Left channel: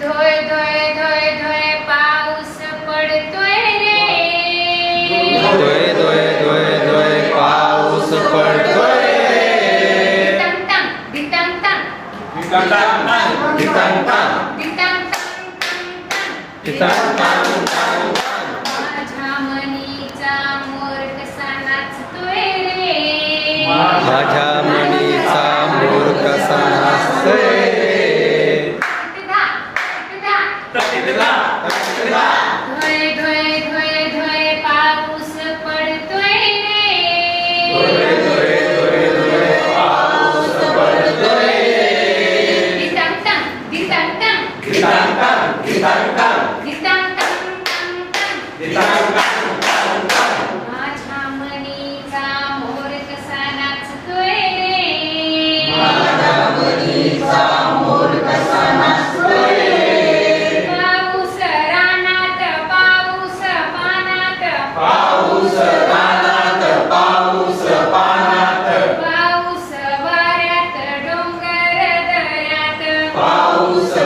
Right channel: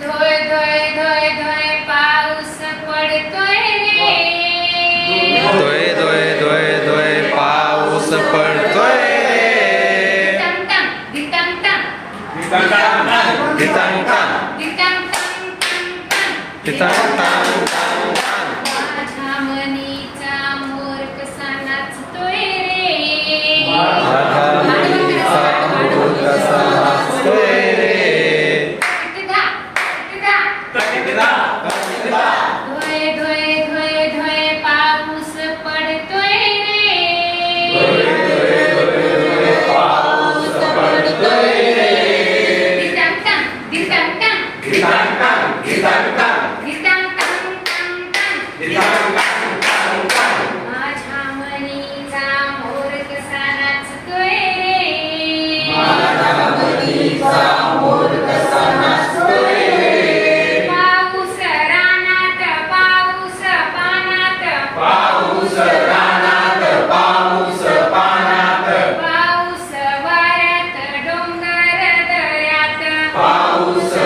धोय धोय धोय धोय पाऊस पडतोय रे. धोय धोय धोय धोय पाऊस पडतोय रे. माझ्या मनीचा मोर कसा नाचतोय रे. o Senhor.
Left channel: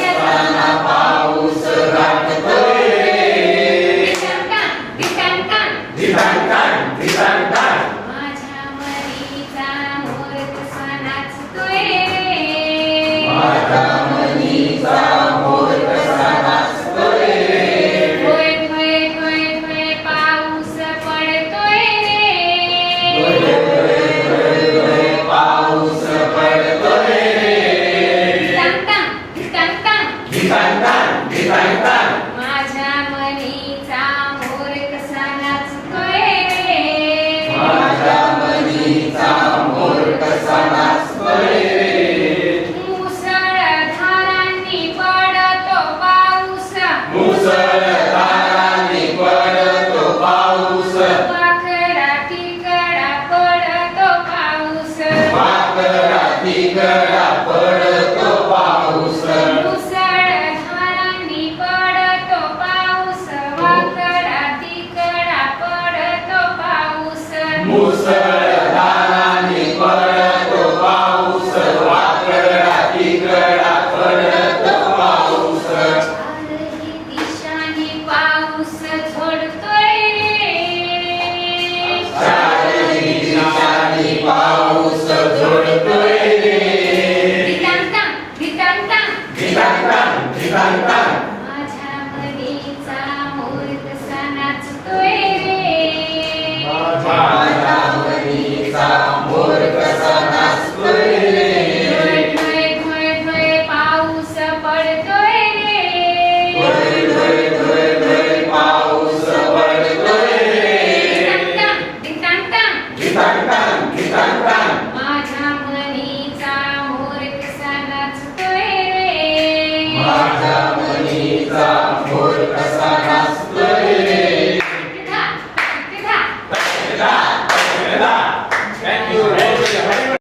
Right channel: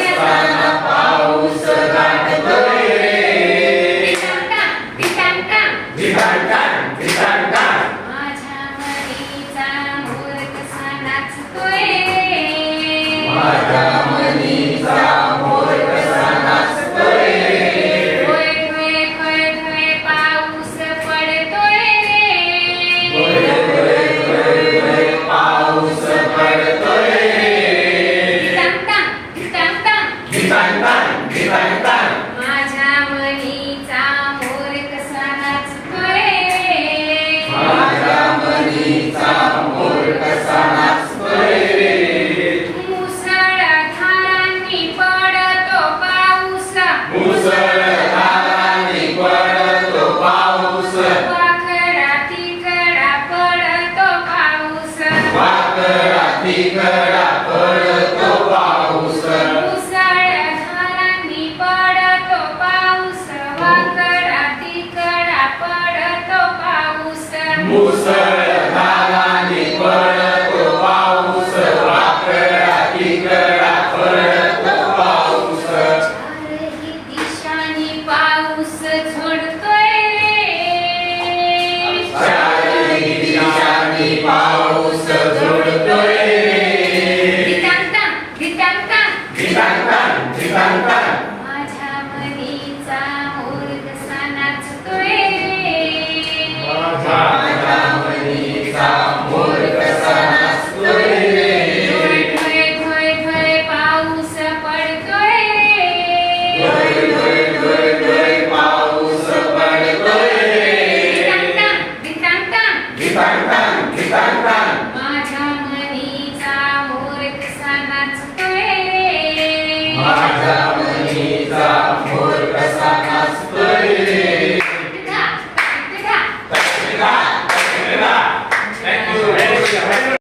Sama. वादळा तिकडा पडतो पाऊस मुसळ धारांनी पडतो पाऊस वाकडा तिकडा पडतो